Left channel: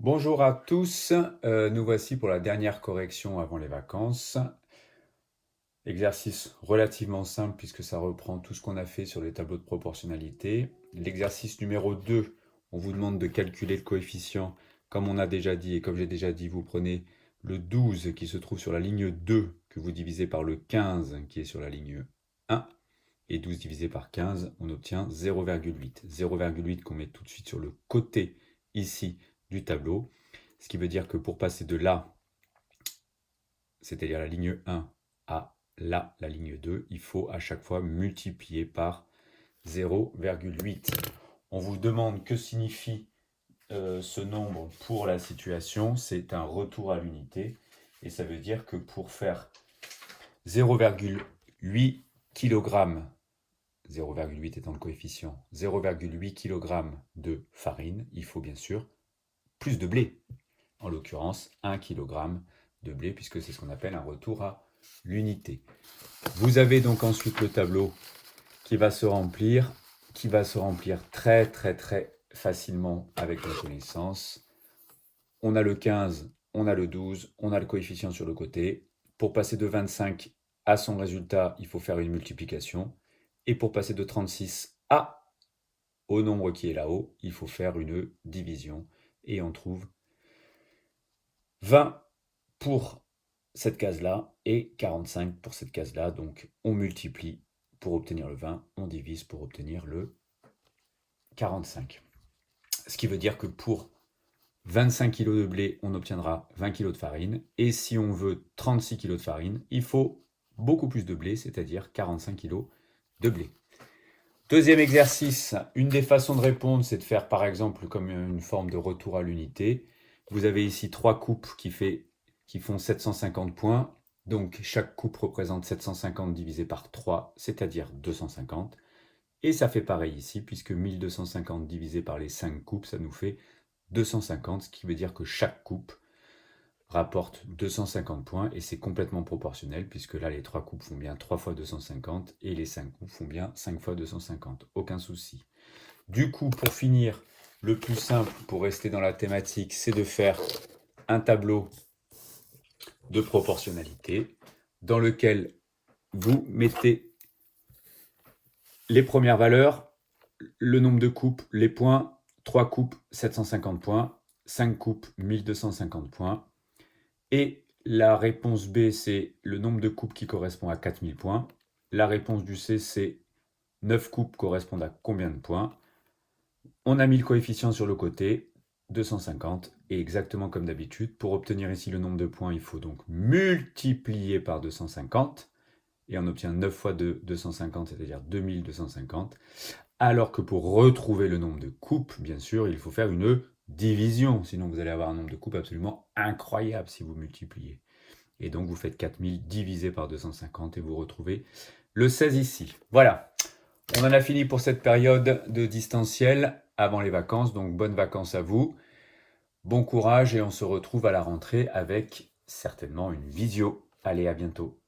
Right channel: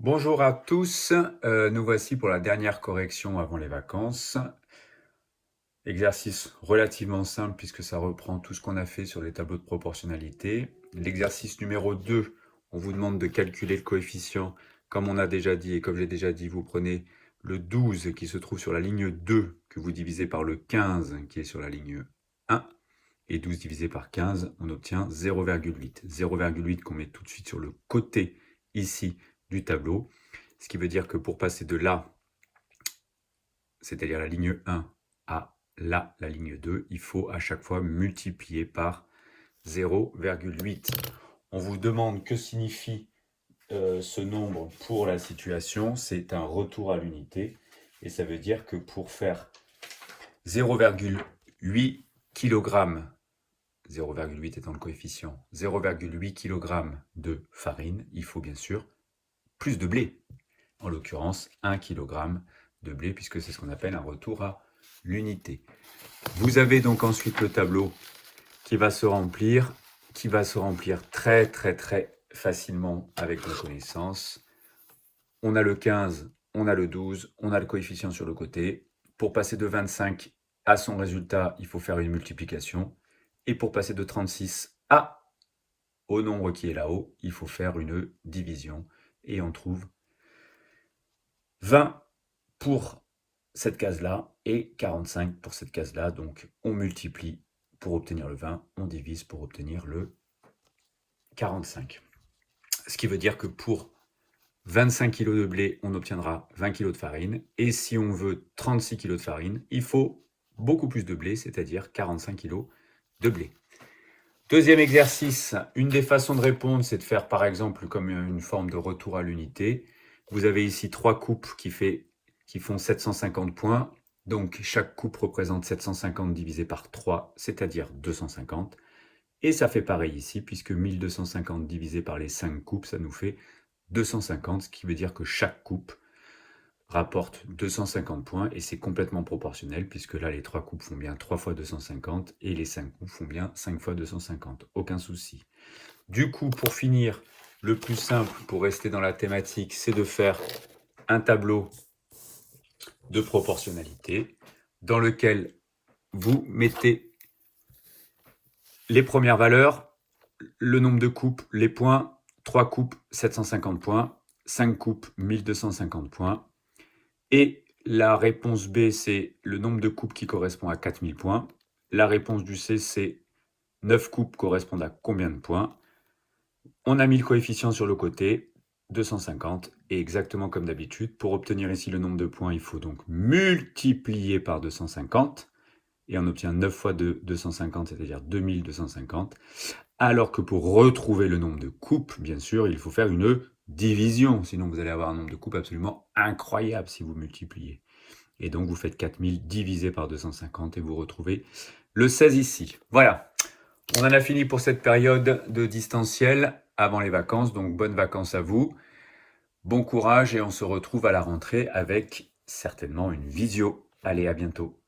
Bonjour à tous, nous voici pour la dernière correction avant les vacances. Exercice relativement simple puisque ça reprend tout ce qu'on a fait sur les tableaux de proportionnalité. L'exercice numéro 2, on vous demande de calculer le coefficient. Comme on a déjà dit et comme j'ai déjà dit, vous prenez le 12 qui se trouve sur la ligne 2 que vous divisez par le 15 qui est sur la ligne 1. Et 12 divisé par 15, on obtient 0,8. 0,8 qu'on met tout de suite sur le côté ici du tableau. Ce qui veut dire que pour passer de là, c'est-à-dire la ligne 1, à là, la ligne 2, il faut à chaque fois multiplier par 0,8. On vous demande que signifie ce nombre pour la situation. C'est un retour à l'unité. Et ça veut dire que pour faire 0,8 kg, 0,8 étant le coefficient, 0,8 kg de farine, il faut bien sûr plus de blé. En l'occurrence 1 kg de blé, puisque c'est ce qu'on appelle un retour à l'unité. Vous avez donc ensuite le tableau qui va se remplir très facilement avec la connaissance. On a le 15, on a le 12, on a le coefficient sur le côté. Pour passer de 25 à son résultat, il faut faire une multiplication. Et pour passer de 36 au nombre qui est là-haut, il faut faire une division. Et on trouve 20 pour cette case-là et 45 pour cette case-là. Donc, on multiplie pour obtenir le 20, on divise pour obtenir le 45. Ce qui veut dire que pour 25 kg de blé, on obtiendra 20 kg de farine. Et si on veut 36 kg de farine, il faut beaucoup plus de blé, c'est-à-dire 45 kg de blé. Deuxième exercice, une des façons de répondre, c'est de faire par exemple comme une forme de retour à l'unité. Vous avez ici 3 coupes qui font 750 points. Donc chaque coupe représente 750 divisé par 3, c'est-à-dire 250. Et ça fait pareil ici, puisque 1250 divisé par les 5 coupes, ça nous fait 250, ce qui veut dire que chaque coupe rapporte 250 points, et c'est complètement proportionnel, puisque là, les 3 coupes font bien 3 fois 250, et les 5 coupes font bien 5 fois 250. Aucun souci. Du coup, pour finir, le plus simple, pour rester dans la thématique, c'est de faire un tableau de proportionnalité, dans lequel vous mettez les premières valeurs, le nombre de coupes, les points, 3 coupes, 750 points, 5 coupes, 1250 points, et la réponse B, c'est le nombre de coupes qui correspond à 4000 points. La réponse du C, c'est 9 coupes correspondent à combien de points. On a mis le coefficient sur le côté, 250, et exactement comme d'habitude, pour obtenir ici le nombre de points, il faut donc multiplier par 250, et on obtient 9 fois 250, c'est-à-dire 2250, alors que pour retrouver le nombre de coupes, bien sûr, il faut faire une division, sinon vous allez avoir un nombre de coupes absolument incroyable si vous multipliez. Et donc vous faites 4000 divisé par 250 et vous retrouvez le 16 ici. Voilà, on en a fini pour cette période de distanciel avant les vacances, donc bonnes vacances à vous. Bon courage et on se retrouve à la rentrée avec certainement une visio. Allez, à bientôt.